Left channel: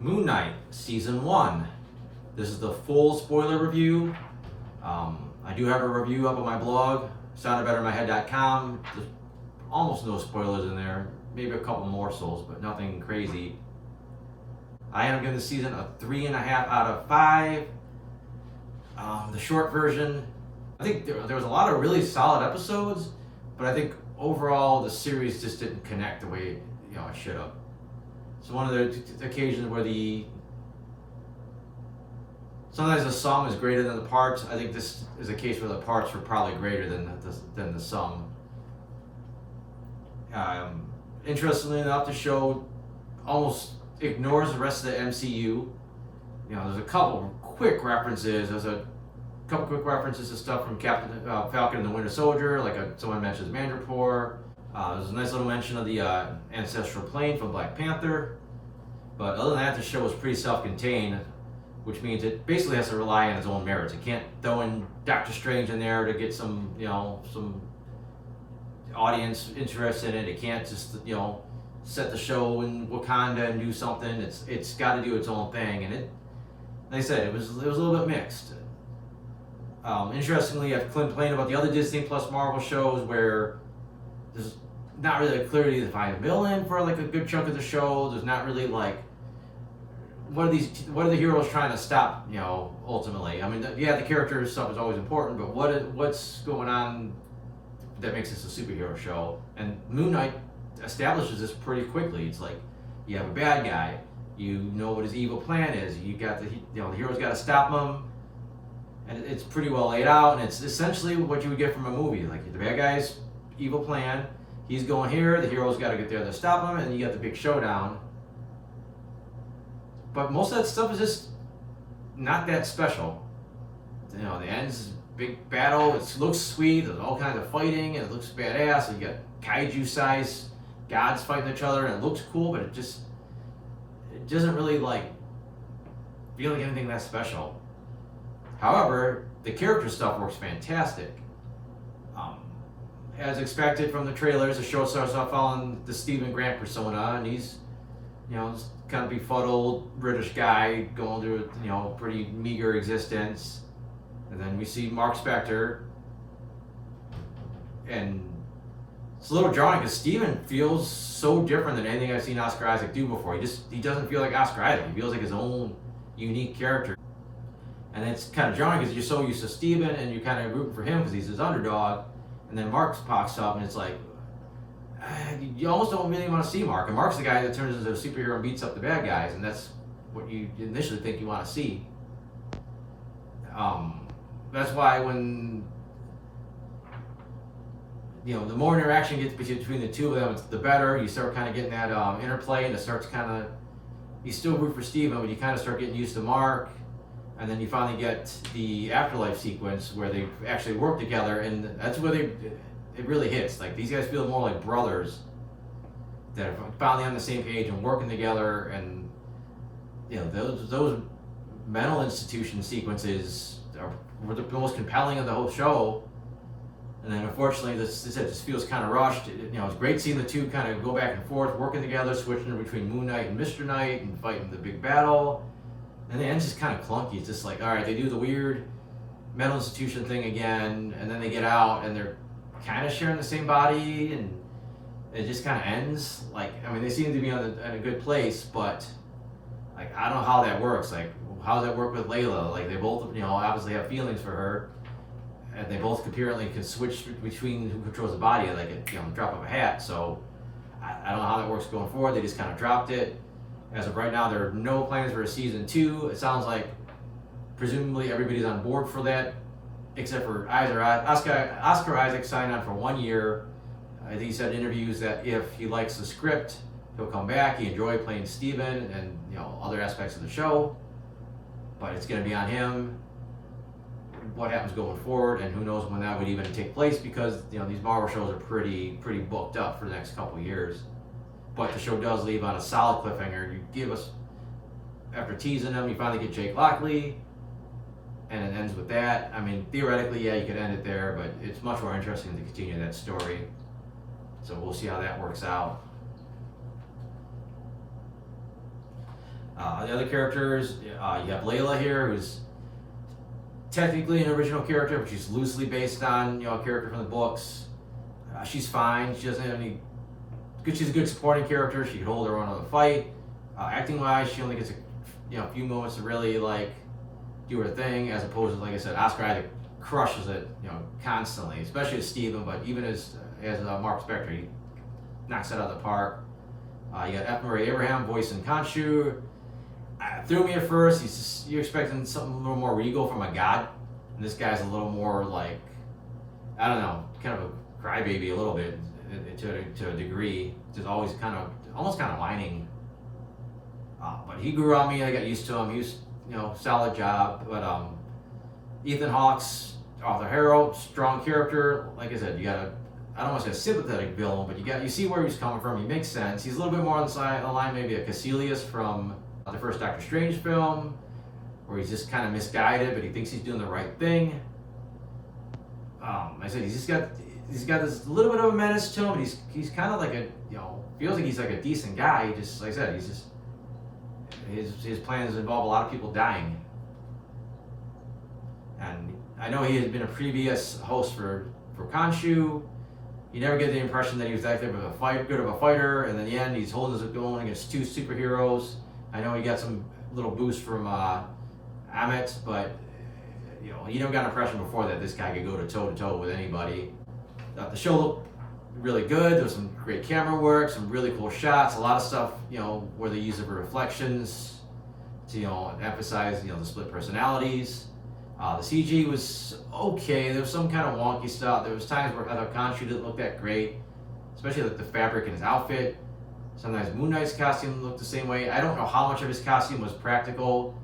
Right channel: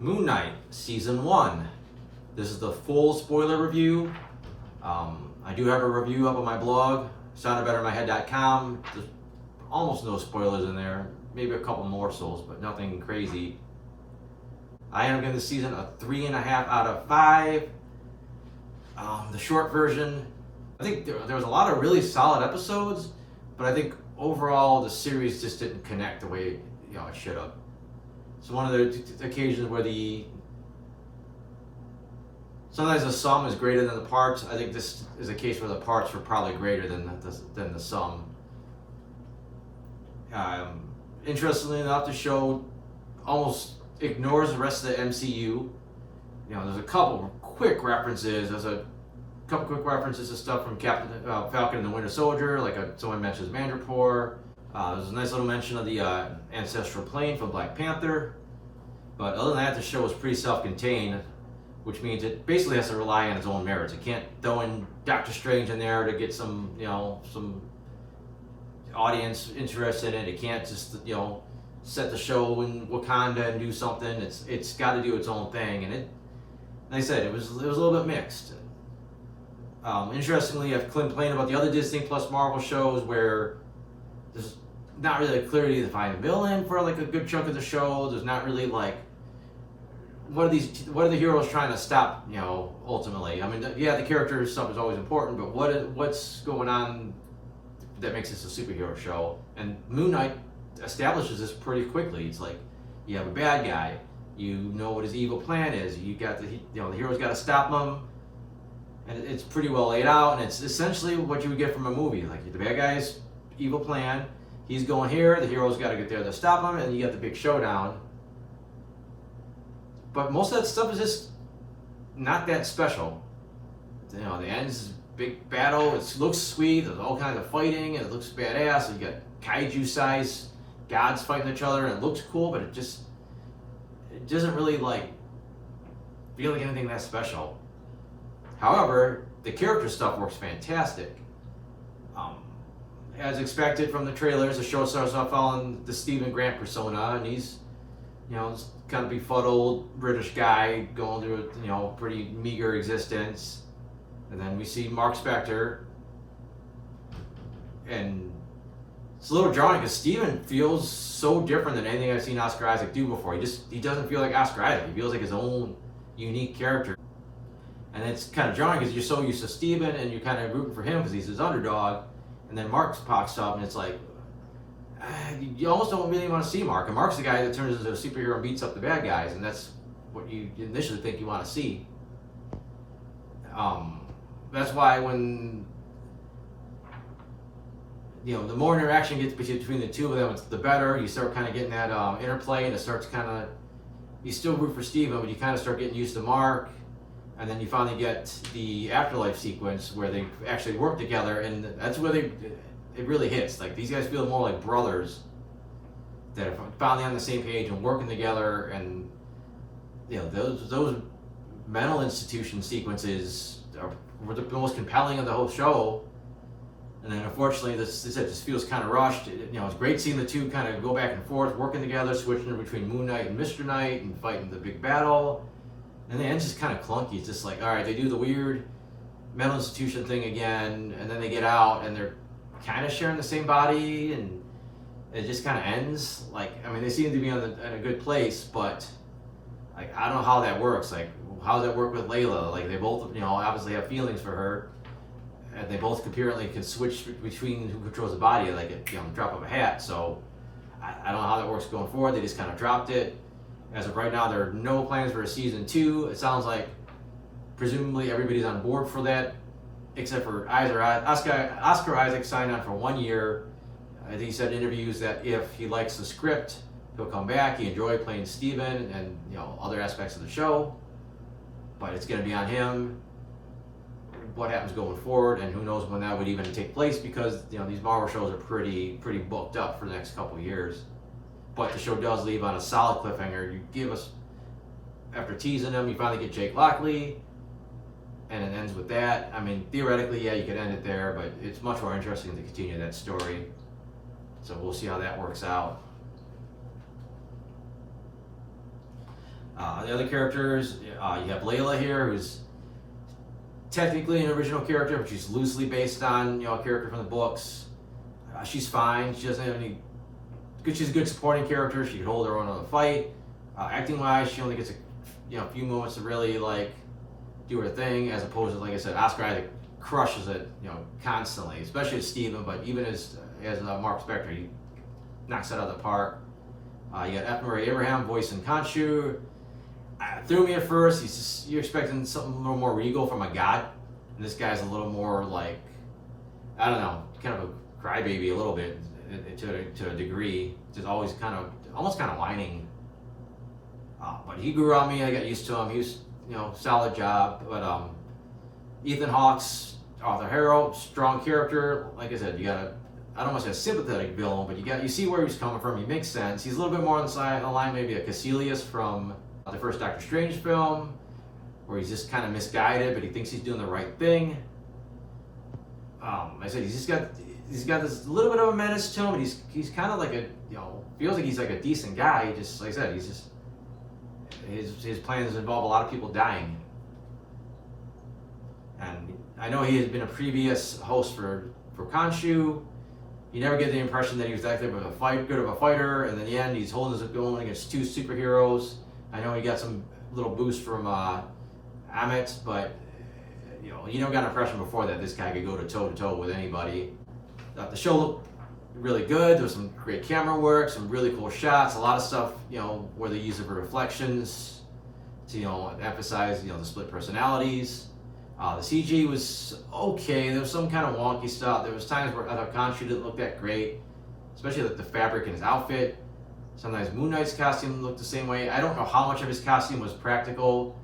Moon Knight Season 1. This is the full spoiler review. I do have a review up on my blog, soundedbettermyhead.com. There's almost no spoilers in there. Maybe a couple morsels, but nothing crazy. I am giving the season a 3.5 out of 5. The short version, I think there was a lot of really solid episodes, but I think overall the series just didn't connect the way it should have. So one of the occasions where sometimes the sum is greater than the parts. I think this is a case where the parts were probably greater than the sum. Interestingly enough, the show almost ignores the rest of the MCU. There's a couple quick references. There's a couple quick references to stuff from Falcon and the Winter Soldier, like someone mentions Mandapore. There's a nice little mention of the ancestral plane from Black Panther. But other than that, the show is pretty self-contained, which means it basically has to rely on its own merits. It can't throw in Doctor Strange in there to get some audience interested in it. It can't just, set the show in Wakanda and do something. It's got to do its own thing, and like I said, it was a little bit mixed. Interestingly, I've complained about the other Disney Plus Marvel shows where there's not really a clearly defined villain for like a good chunk of the show. There's not really like what are the heroes trying to stop, ultimately. I mean, yeah, the character stuff is always important, but what's going on that makes this a superhero show? And Moon Knight establishes this pretty quickly. It's like you have a bad guy, you know what his evil plan is. You got the hero's got to stop him, and it's pretty well laid out. And it's essentially what you would get from a movie. Like the bad guy's evil plan, he's going here, the hero's got to get there to stop him, and you got the big showdown. But most of that stuff is just not that special. The end's big battle. It looks sweet. There's all kinds of fighting, and it looks badass. You got kaiju-sized gods fighting each other, and it looks cool. But it doesn't really feel like anything that special. However, the character stuff works fantastic. As expected from the trailers, the show starts off following the Stephen Grant persona, and he's kind of befuddled British guy going through a pretty meager existence. And then we see Mark Specter, and it's a little jarring because Stephen feels so different than anything I've seen Oscar Isaac do before. He doesn't feel like Oscar Isaac. He feels like his own unique character. And it's kind of jarring because you're so used to Stephen and you're kind of rooting for him because he's his underdog. And then Mark pops up and it's like, you almost don't really want to see Mark. And Mark's the guy that turns into a superhero and beats up the bad guys, and that's what you initially think you want to see. That's why when the more interaction gets between the two of them, the better. You start kind of getting that interplay, and it starts you still root for Steven, but you kind of start getting used to Mark. And then you finally get the afterlife sequence where they actually work together, and that's where it really hits. Like these guys feel more like brothers that are finally on the same page and working together. And those mental institution sequences were the most compelling of the whole show. And then unfortunately, this just feels kind of rushed. It's great seeing the two kind of go back and forth, working together, switching between Moon Knight and Mr. Knight, and fighting the big battle. And the end's just kind of clunky. It's just like, all right, they do the weird mental institution thing again, and then they get out, and they're kind of sharing the same body, and it just kind of ends. They seem to be in a good place, but I don't know how that works. How does that work with Layla? They both, obviously have feelings for her, and they both apparently can switch between who controls the body, at drop of a hat. So I don't know how that works going forward. They just kind of dropped it. As of right now, there are no plans for a season 2. It sounds like presumably everybody's on board for that, except for Oscar Isaac signed on for 1 year. I think he said in interviews that if he likes the script, he'll come back. He enjoyed playing Steven and other aspects of the show, but it's going to be on him what happens going forward, and who knows when that would even take place, because these Marvel shows are pretty booked up for the next couple of years. But the show does leave on a solid cliffhanger. You give us, after teasing them, you finally get Jake Lockley, and it ends with that. I mean, theoretically, yeah, you could end it there, but it's much more interesting to continue that story. So we'll see how that works out. The other characters, you have Layla here, who's technically an original character, but she's loosely based on a character from the books. She's fine. She doesn't have any. She's a good supporting character. She can hold her own in the fight. Acting-wise, she only gets a few moments to really do her thing, as opposed to, like I said, Oscar Isaac crushes it constantly, especially as Steven, but even as Mark Specter, he knocks it out of the park. You got F. Murray Abraham voicing Khonshu. Threw me at first. You're expecting something a little more regal from a god, and this guy's a little more I don't know, kind of a crybaby a little bit to a degree. Just always almost kind of whining. But he grew on me. I got used to him. He was solid job. But Ethan Hawke's Arthur Harrow, strong character. Like I said, you got I don't want to say a sympathetic villain, but you see where he's coming from. He makes sense. He's a little bit more on the line maybe a Caecilius from the first Doctor Strange film, where he's just kind of misguided, but he thinks he's doing the right thing. I said he's got this little bit of a menace to him, but he's kind of like feels like he's like a decent guy. He just, like I said, his plans involve a lot of people dying. And I know he had been a previous host for Khonshu. You never get the impression that he was that good of a fighter, and in the end he's holding his own against two superheroes. I know he got some little boost from Amit, but you don't got an impression before that this guy could go toe-to-toe with anybody. The show looked really good. There was some great camera work, some really cool shots, a lot of stuff, where they use the reflections to, emphasize, the split personalities. The CG was okay. There was some kind of wonky stuff. There was times where I thought Khonshu didn't look that great, especially the fabric in his outfit. Sometimes Moon Knight's costume looked the same way. I don't know how much of his costume was practical.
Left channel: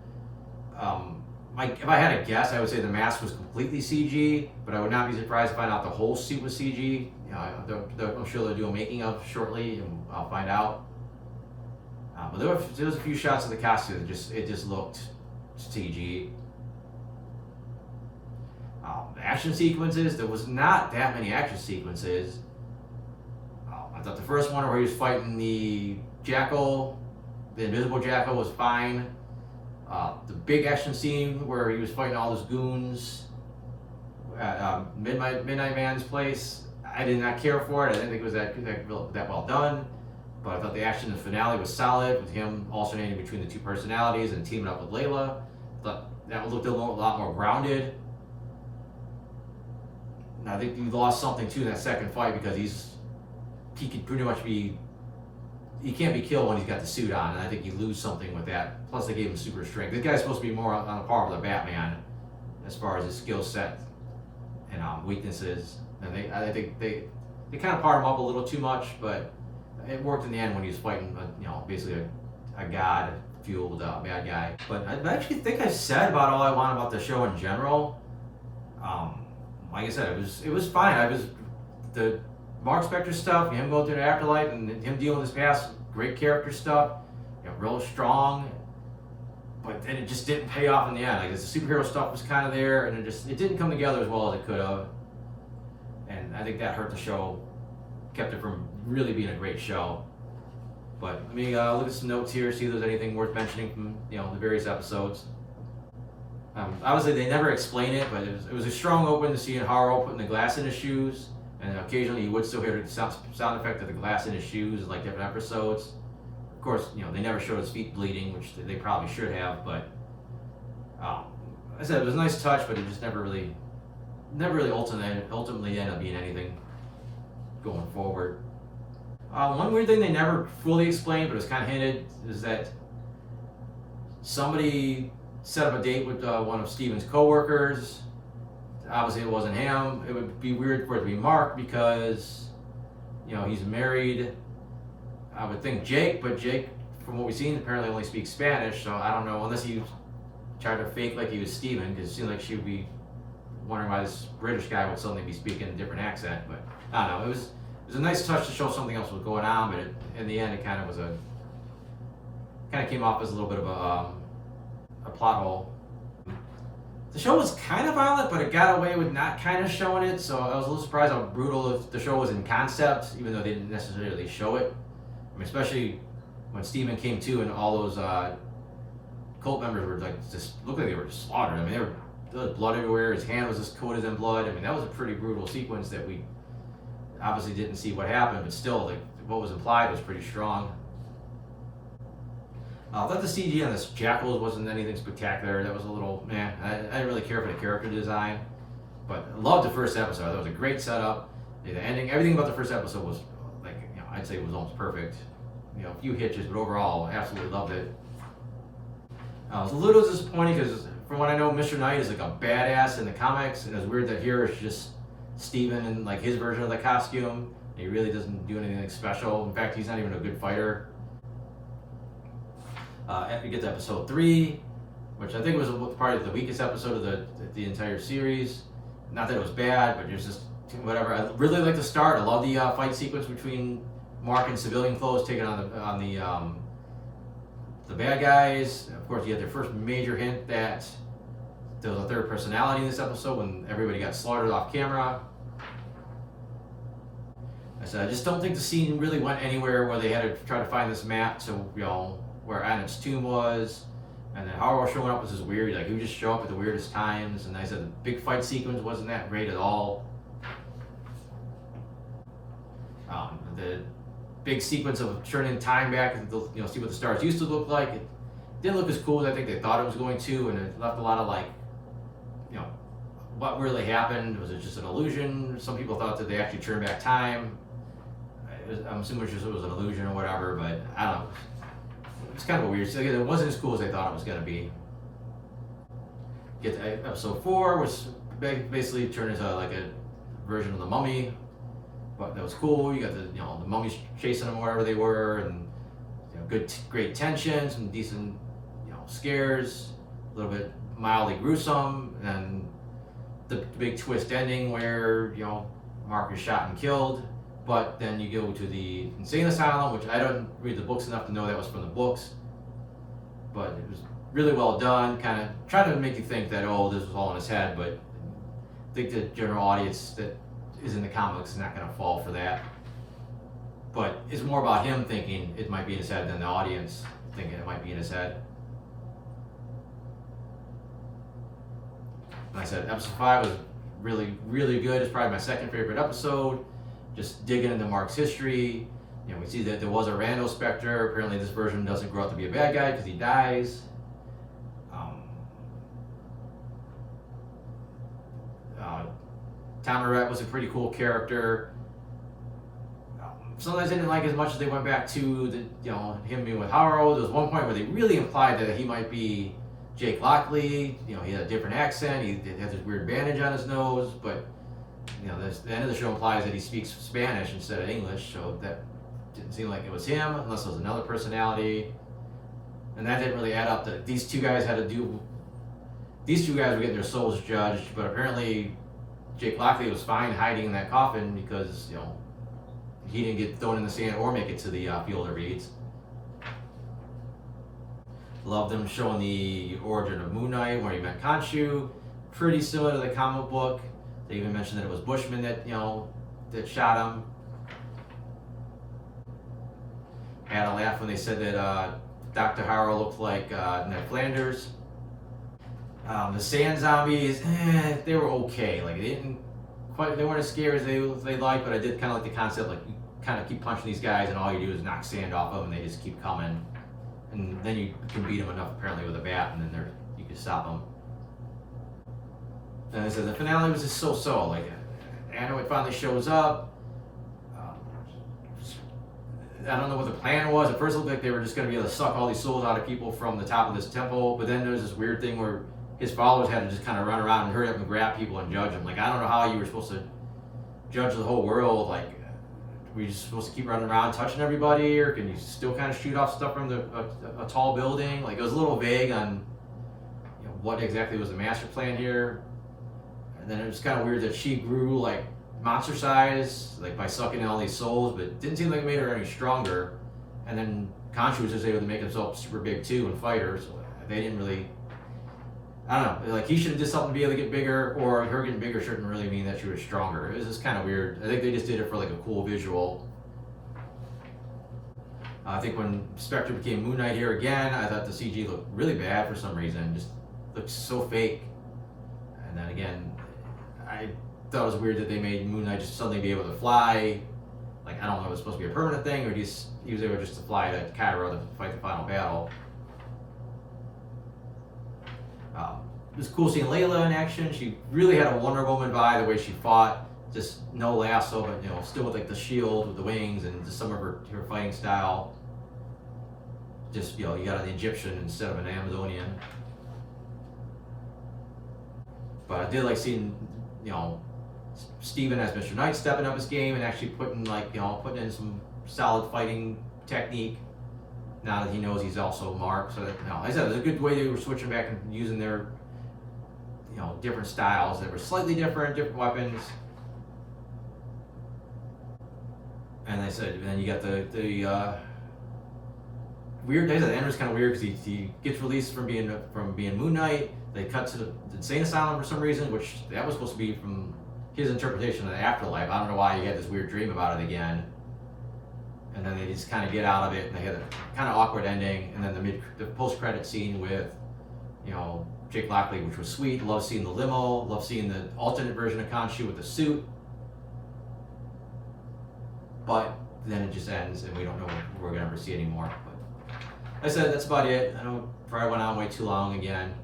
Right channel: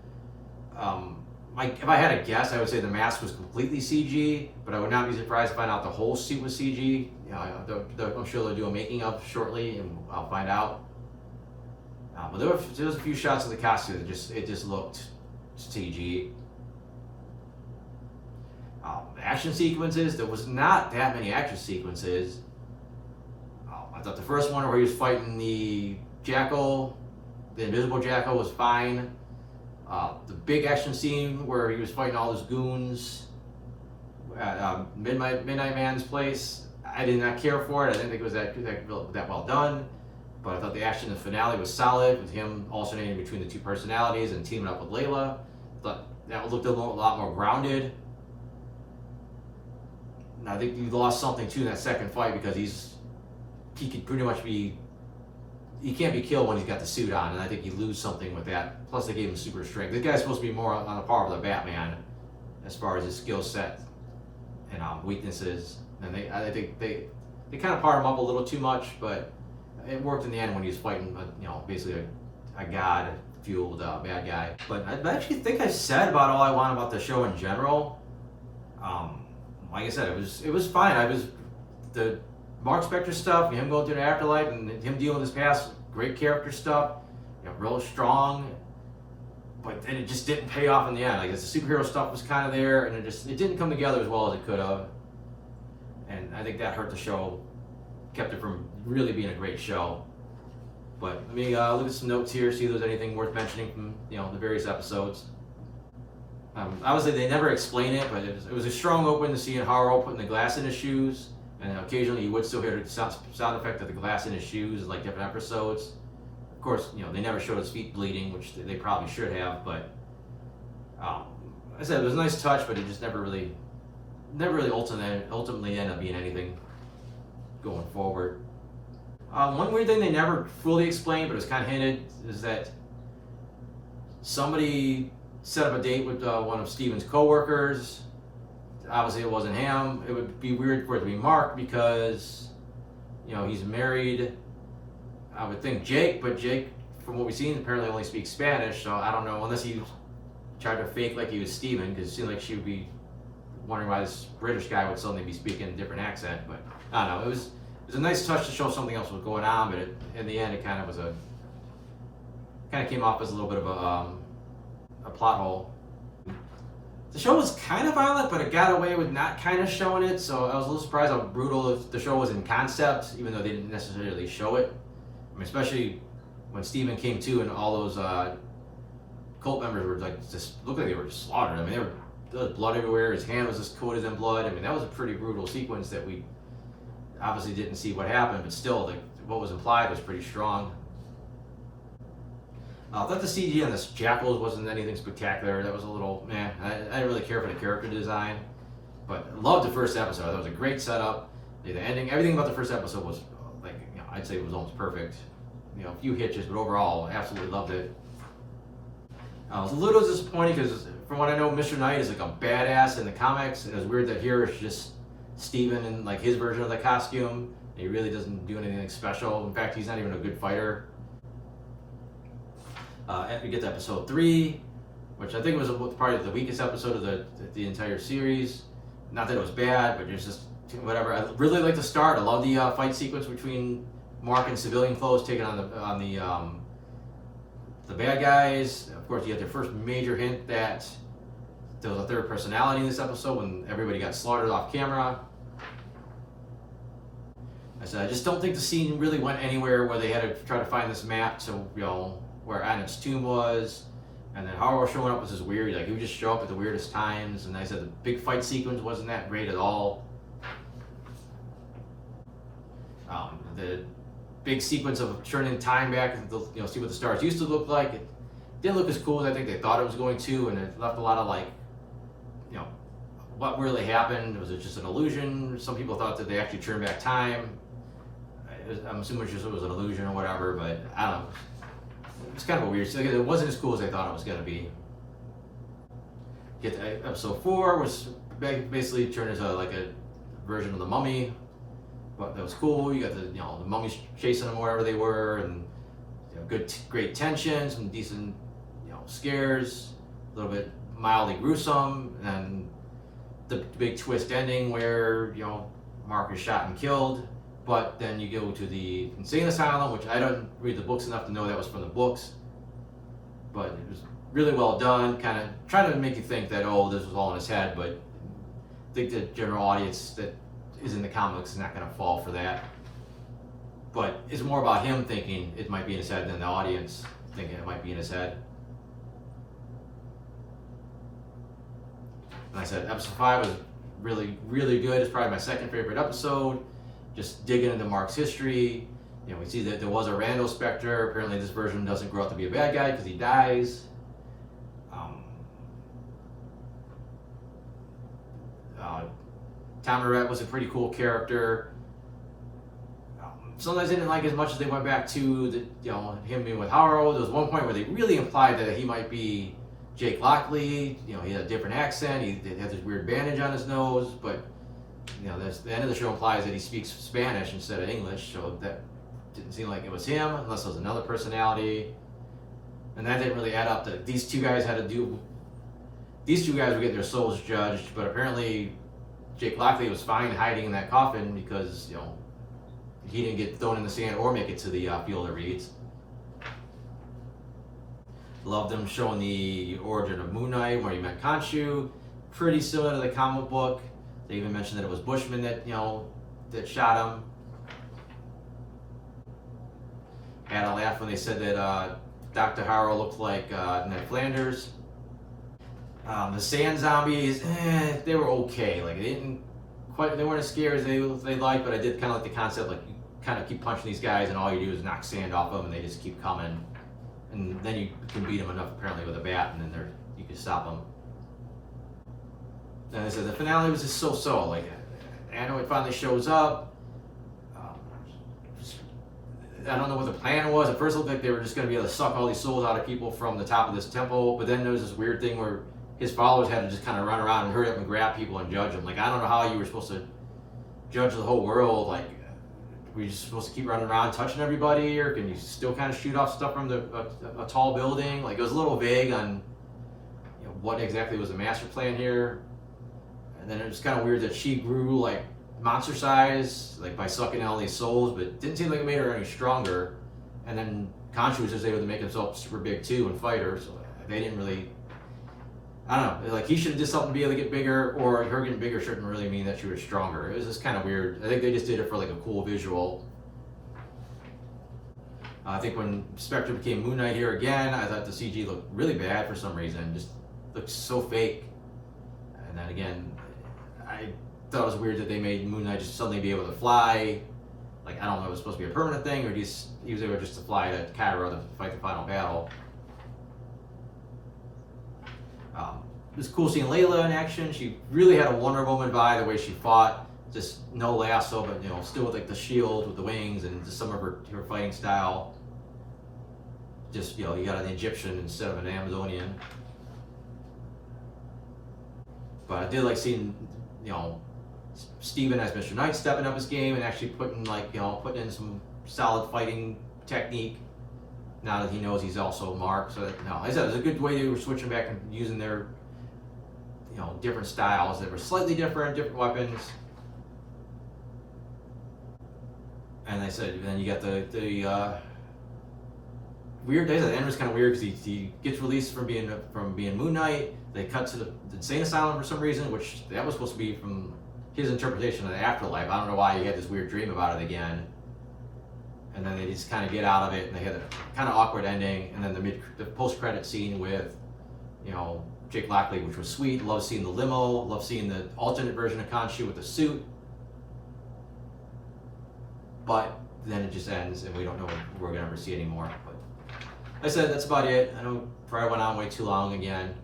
If I had a guess, I would say the mask was completely CG, but I would not be surprised to find out the whole suit was CG. I'm sure they'll do a making of shortly, and I'll find out. But there was a few shots of the costume that just looked CG. Action sequences, there was not that many action sequences. I thought the first one where he was fighting the Jackal, the invisible Jackal, was fine. The big action scene where he was fighting all those goons at Midnight Man's place, I did not care for it. I didn't think it was that well done. But I thought the action in the finale was solid, with him alternating between the two personalities and teaming up with Layla. I thought that looked a lot more grounded. And I think he lost something too in that second fight, because he could pretty much he can't be killed when he's got the suit on, and I think you lose something with that. Plus, they gave him super strength. This guy's supposed to be more on the par with the Batman as far as his skill set and weaknesses. And I think they kind of part him up a little too much, but it worked in the end when he was fighting, basically a god-fueled bad guy. But I actually think I said about all I want about the show in general. Like I said, it was fine. The Mark Specter stuff, him going through the afterlife, and him dealing with his past, great character stuff, real strong. But then it just didn't pay off in the end. Like the superhero stuff was kind of there, and it didn't come together as well as it could have. And I think that hurt the show, kept it from really being a great show. But let me look at some notes here, see if there's anything worth mentioning from the various episodes. Obviously, they never explain it, but it was a strong open to see Harrow putting the glass in his shoes. And occasionally you would still hear the sound effect of the glass in his shoes, like different episodes. Of course, they never showed his feet bleeding, which they probably should have. But I said it was a nice touch, but it just never really ultimately ended up being anything going forward. One weird thing they never fully explained, but it was kind of hinted, is that somebody set up a date with one of Steven's co-workers. Obviously it wasn't him. It would be weird for it to be Mark, because he's married, I would think, Jake, but Jake, from what we've seen, apparently only speaks Spanish, so I don't know, unless he tried to fake like he was Steven, because it seemed like she would be wondering why this British guy would suddenly be speaking a different accent. But I don't know, it was a nice touch to show something else was going on, but in the end it kind of came off as a little bit of a plot hole. The show was kind of violent, but it got away with not kind of showing it, so I was a little surprised how brutal the show was in concept, even though they didn't necessarily show it. I mean, especially when Steven came to and all those cult members were like just looked like they were just slaughtered. I mean, there was blood everywhere. His hand was just coated in blood. I mean, that was a pretty brutal sequence that we obviously didn't see what happened, but still, like, what was implied was pretty strong. I thought the CG on this Jackal wasn't anything spectacular. That was a little meh. I didn't really care for the character design, but I loved the first episode. I thought it was a great setup. The ending, everything about the first episode was like, I'd say it was almost perfect. A few hitches, but overall, absolutely loved it. I was a little disappointed because, from what I know, Mr. Knight is like a badass in the comics, and it was weird that here it's just Steven and like his version of the costume. He really doesn't do anything special. In fact, he's not even a good fighter. We get to episode 3, which I think was probably the weakest episode of the entire series. Not that it was bad, but it was just whatever. I really like the start. I love the fight sequence between Mark and civilian foes taking on the bad guys. Of course, you had the first major hint that there was a third personality in this episode when everybody got slaughtered off camera. I said I just don't think the scene really went anywhere where they had to try to find this map to where Anet's tomb was, and then Harrow showing up was just weird. Like, he would just show up at the weirdest times, and I said the big fight sequence wasn't that great at all. The big sequence of turning time back and see what the stars used to look like, it didn't look as cool as I think they thought it was going to, and it left a lot of like, what really happened? Was it just an illusion? Some people thought that they actually turned back time. I'm assuming it was an illusion or whatever, but I don't know. It's kind of a weird. It wasn't as cool as I thought it was going to be. Get to episode 4, which basically turned into like a version of the Mummy, but that was cool. You got the mummies chasing them wherever they were, and great tension, some decent scares, a little bit mildly gruesome, and the big twist ending where Mark is shot and killed. But then you go to the insane asylum, which I don't read the books enough to know that was from the books. But it was really well done, kind of trying to make you think that, this was all in his head, but I think the general audience that is in the comics is not going to fall for that. But it's more about him thinking it might be in his head than the audience thinking it might be in his head. And I said episode 5 was really, really good. It's probably my second favorite episode. Just digging into Mark's history. We see that there was a Randall Specter. Apparently this version doesn't grow up to be a bad guy because he dies. Tom Arrett was a pretty cool character. Sometimes I didn't like as much as they went back to him being with Harrow. There was one point where they really implied that he might be Jake Lockley. He had a different accent. He had this weird bandage on his nose, but the end of the show implies that he speaks Spanish instead of English, so that didn't seem like it was him, unless it was another personality. And that didn't really add up. These two guys were getting their souls judged, but apparently Jake Lockley was fine hiding in that coffin because, he didn't get thrown in the sand or make it to the field of reeds. Love them showing the origin of Moon Knight, where he met Khonshu. Pretty similar to the comic book. They even mentioned that it was Bushman that that shot him. Had a laugh when they said that Dr. Harrow looked like Ned Flanders. The sand zombies, they were okay. Like they weren't as scary as they liked, but I did kind of like the concept, like you kind of keep punching these guys, and all you do is knock sand off of them, and they just keep coming. And then you can beat them enough apparently with a bat, and then you can stop them. And I said the finale was just so-so. Like, Anno finally shows up. I don't know what the plan was. At first it looked like they were just going to be able to suck all these souls out of people from the top of this temple, but then there was this weird thing where his followers had to just kind of run around and hurry up and grab people and judge them. Like, I don't know how you were supposed to judge the whole world. Like, were you just supposed to keep running around touching everybody, or can you still kind of shoot off stuff from a tall building? Like, it was a little vague on what exactly was the master plan here. And then it was kind of weird that she grew like monster size, like by sucking in all these souls, but it didn't seem like it made her any stronger. And then Khonshu was just able to make himself super big too and fight her, so they didn't really, I don't know, like he should have did something to be able to get bigger, or her getting bigger shouldn't really mean that she was stronger. It was just kind of weird. I think they just did it for like a cool visual. I think when Specter became Moon Knight here again, I thought the CG looked really bad for some reason. Just looked so fake. And then again, I thought it was weird that they made Moon Knight just suddenly be able to fly. Like, I don't know if it was supposed to be a permanent thing, or he was able just to fly to Cairo to fight the final battle. It was cool seeing Layla in action. She really had a Wonder Woman vibe, the way she fought. Just no lasso, but you know, still with like the shield with the wings and just some of her fighting style. Just, you know, you got an Egyptian instead of an Amazonian. But I did like seeing, you know, Steven as Mr. Knight stepping up his game and actually putting in some solid fighting technique. Now that he knows he's also Mark, so that, you know, like I said, it was a good way they were switching back and using their, you know, different styles that were slightly different weapons. And they said, then you got the weird days. The end was kind of weird because he gets released from being Moon Knight. They cut to the insane asylum for some reason, which that was supposed to be from his interpretation of the afterlife. I don't know why he had this weird dream about it again. And then they just kind of get out of it, and they had a kind of awkward ending. And then the post-credit scene with, you know, Jake Lockley, which was sweet. Love seeing the limo. Love seeing the alternate version of Khonshu with the suit. But then it just ends, and we don't know if we're gonna ever see anymore. But like I said, that's about it. I know probably went on way too long again.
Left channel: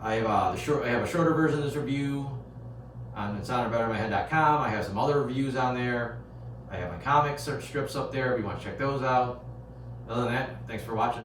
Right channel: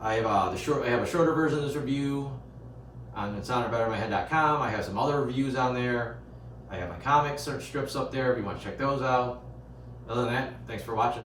I have a shorter version of this review on ItSoundedBetterInMyHead.com. I have some other reviews on there. I have my comic strips up there if you want to check those out. Other than that, thanks for watching.